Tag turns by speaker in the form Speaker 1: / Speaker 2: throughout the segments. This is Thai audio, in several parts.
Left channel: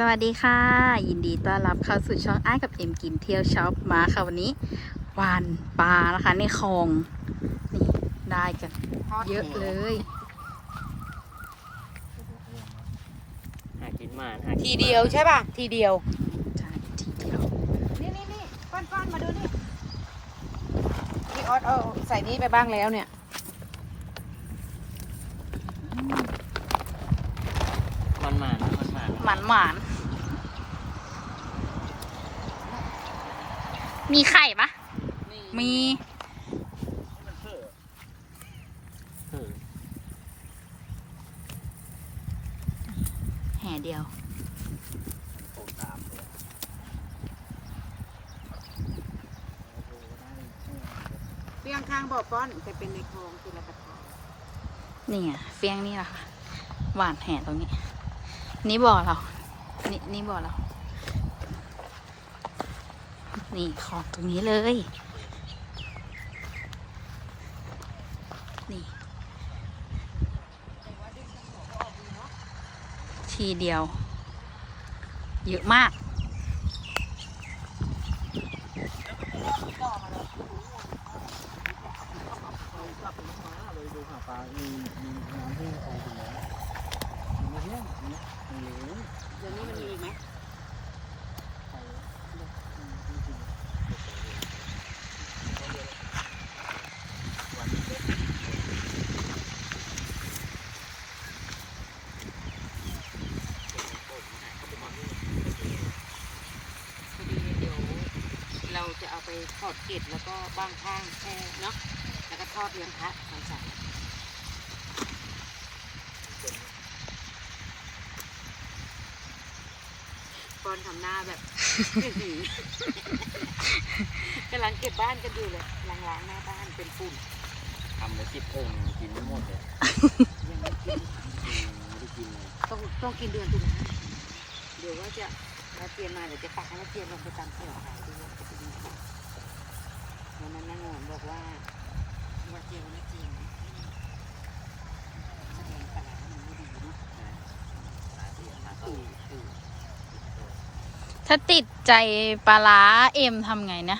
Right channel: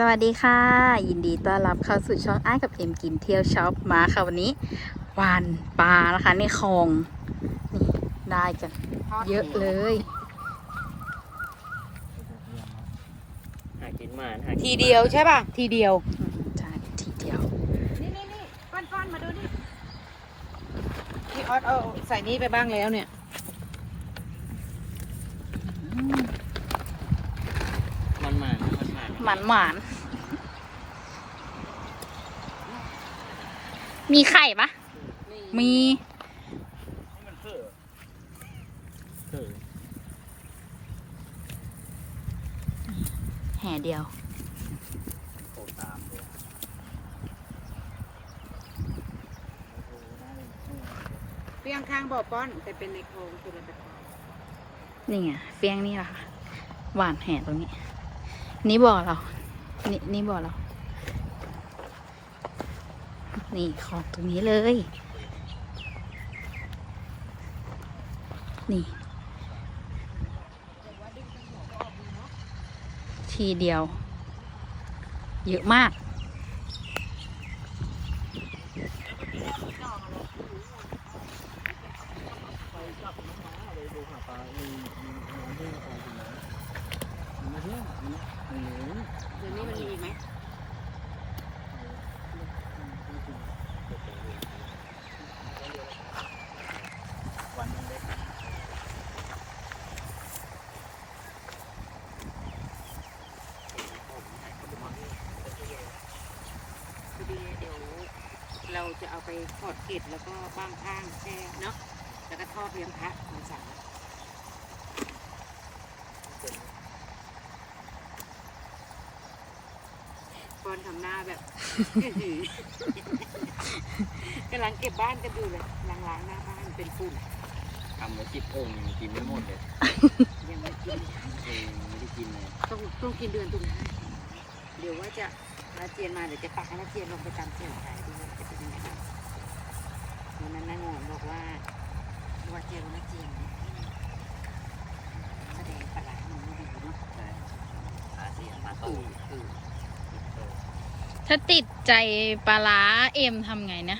Speaker 1: สวัสดีค่ะ ยินดีต้อนรับเข้าสู่ช่องอ้ายกับเอ็มกินเที่ยวช็อปมาค่ะวันนี้หวานปลานะคะในคลองได้กันเยอะเลย
Speaker 2: หากินหมาหากิน
Speaker 3: ทีเดียวใช่ป่ะ ทีเดียว
Speaker 1: ใช่ทีเดียว
Speaker 3: นี่นี่นี่ป้อนป้อนมาดูนี่พี่ออสเอาใส่นี้ไปบ้างแล้วเนี่ย
Speaker 2: มันหมานะมัน หมานะ
Speaker 1: หมันหวานมีไข่ปะมี
Speaker 2: เออ
Speaker 1: แห่เดียว
Speaker 2: โตตามเลยโอ้โหได้เลย
Speaker 3: เปียงข้างบ่อป้อนแต่เป็นในคลองจุลประทาน
Speaker 1: นี่ไงเฟียงนี่แหละค่ะหวานแห่ตรงนี้ นี่บ่อเรา นี่นี่บ่อเรา นี่ของตรงนี้เลย นี่ ทีเดียว เยอะมาก
Speaker 2: เลยดูหาปลามีมีน้ำที่โตขึ้นแล้วมีไม่เที่ยงมีไม่เหลือ
Speaker 3: เดี๋ยวนี้มันมีอีกไหม
Speaker 2: วันนึงเล็ก
Speaker 3: พอดีเดี๋ยว เราจะเอาไปทอดเกล็ดแล้วก็บ้างข้างแช่เนาะแล้วก็ทอดเลี้ยงพระตอนเสาร์ป้อนทำหน้าแบบกำลังเก็บบ้านกันอยู่เลยล้างๆหน้าบ้านเป็นฝุ่น
Speaker 2: ทำไว้สิบองค์ยังกินไม่หมดเลย
Speaker 3: ยังไม่กิน
Speaker 2: เออไม่ได้กินเลย
Speaker 3: ต้องต้องกินเดือนตุลาเดี๋ยวว่าจะนาเจียนมาเดี๋ยวจะตักให้นาเจียนลงไปตามแถวขายดูว่าจะเป็นยังไงบ้างวั นนั้นนางอนบอกว่าว่าเจลนาเจียนแสดงปลาร้ามันไม่ดีเนาะ
Speaker 2: ใช่หาเสียหา
Speaker 3: เอ
Speaker 2: ตู้
Speaker 3: อเออ
Speaker 2: กินโต
Speaker 1: ถ้าติดใจปลาร้าเอ็มทำไงนะ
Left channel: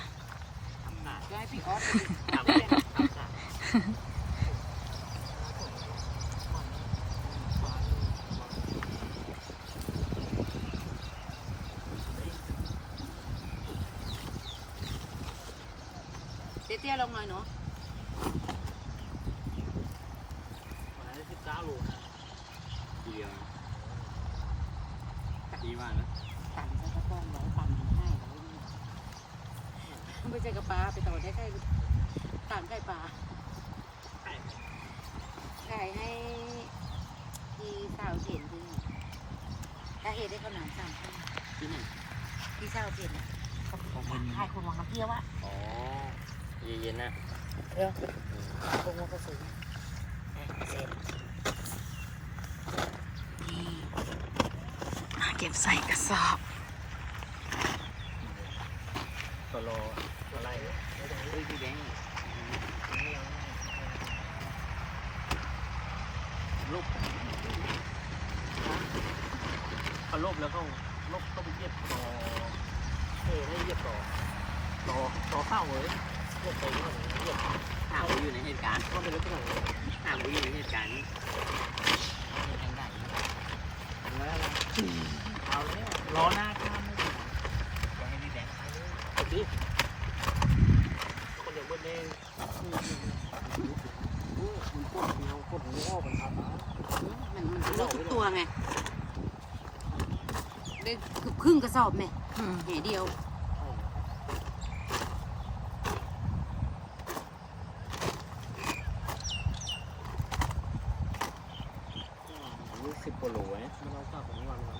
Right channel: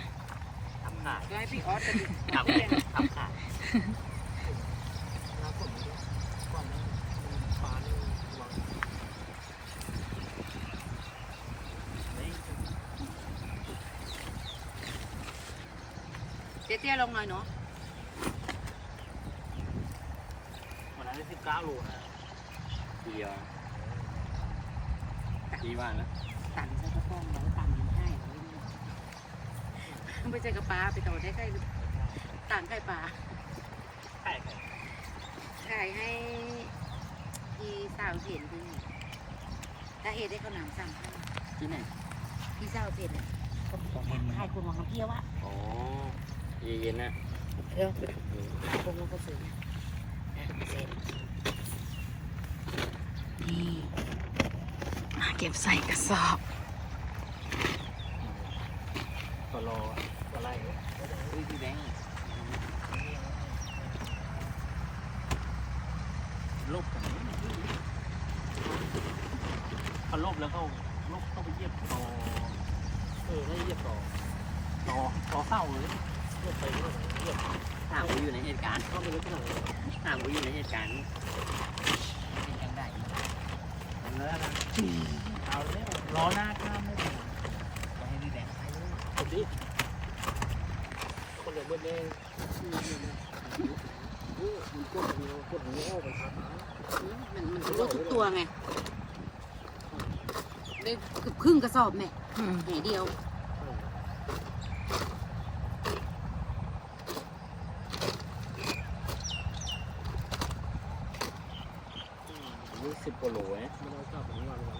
Speaker 2: ทำขาด
Speaker 3: ก็ให้พี่ออสไปดิ
Speaker 2: ทำ
Speaker 3: เรียน
Speaker 2: ทำขาด
Speaker 3: เตี้ยๆลงหน่อยเนาะ
Speaker 2: วันนั้นได้สิบเก้าโลนะทีเดียวนะดีว่านะ
Speaker 3: ตันใช้กระป๋องไว้ตันมันให้ร้อยนี่ไม่ใช่กระปลาไปต่อได้ใกล้ต่างไข่ปลา
Speaker 2: ใช่
Speaker 3: ขายให้พี่สาวเห็นด้วยถ้าเห็นได้ข้าวหนามสามข้าว
Speaker 2: ที่ไหน
Speaker 3: พี่สาวเห็นเขาบอกว่าขายคนวางน้ำเที่ยวอะ
Speaker 2: อ๋อ เย็นๆนะ
Speaker 3: เดี๋ยวคงว่าก็สวยเสร็จ
Speaker 1: นี่อะเก็บใส่กระสอบ
Speaker 2: ตัวรอตัวไล่เฮ้ยพี่แบงค์ลบกันพอลบแล้วก็ลบเข้าไปเยียบต่อเออให้เยียบต่อต่อต่อเข้าเลย ลบไปเยียบเยียบถามว่าอยู่ในเหตุการณ์ก็ไม่รู้เท่าไหร่ถามว่าอยู่ในเหตุการณ์เหตุการณ์ไหนทำแล้อาเนี่ยล้อหน้าข้ามไม่ได้ก็ให้ดีแดงไปเลยคนดิคนเดียวเบิ้ลเลยโอ้มันกดเดียวกดเดียวมันพาตา
Speaker 3: มันมันรู้ทุกตัวไงได้เกือบครึ่งกระสอบแม่
Speaker 1: อืม
Speaker 3: แหนเดียว
Speaker 2: ยี่สิบกว่าโลเนี่ยไม่ต้องกลับถึงวันวัน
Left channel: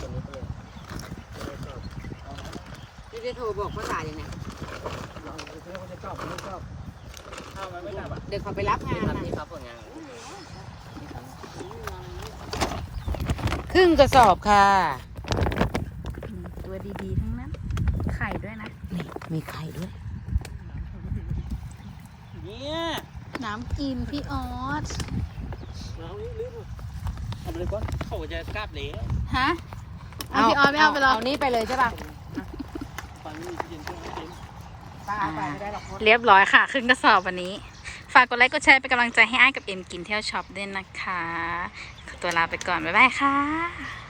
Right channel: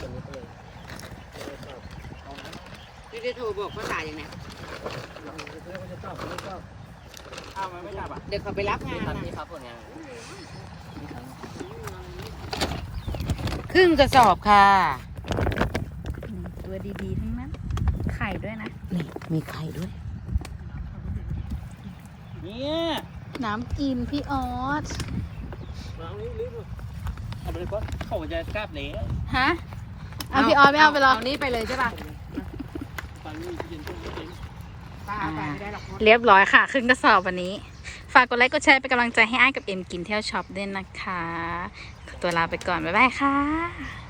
Speaker 2: วันนี้ไปเลยไม่กลับ
Speaker 3: พี่ได้โทรบอกภาษาอย่างไง
Speaker 2: เราจะเที่ยวก็จะกลับไม่กลับอ้าวไม่กลับอะ
Speaker 3: เด็กเขาไปรับงาน
Speaker 2: ทัน
Speaker 3: นะ
Speaker 2: นี่ครับผลงาน
Speaker 3: ครึ่งกระสอบค่ะ
Speaker 1: ตัวดีๆทั้งนั้น ไข่ด้วยนะ
Speaker 3: นี่มีไข่ด้วย
Speaker 2: เนี่ย
Speaker 1: น้ำกินพี่ออส
Speaker 2: น้ำนี้ลึก เอาไปก่อนเขาจะกลับเลย
Speaker 1: ฮะ
Speaker 2: เเอา
Speaker 1: พี่ออสไม่เอาไปหรอก
Speaker 3: เอานี้ไปเลยใช่ป่ะ
Speaker 2: ไปนี่เย็นช่วงเย็น
Speaker 3: ป้าเอาไปไม่ได้หรอกมด
Speaker 1: เรียบร้อยค่ะ ครึ่งกระสอบวันนี้ ฝากกดไลค์กดแชร์เป็นกำลังใจให้อ้ายกับเอ็มกินเที่ยวช็อปด้วยนะคะขอตัวลาไปก่อน บ๊ายบายค่ะ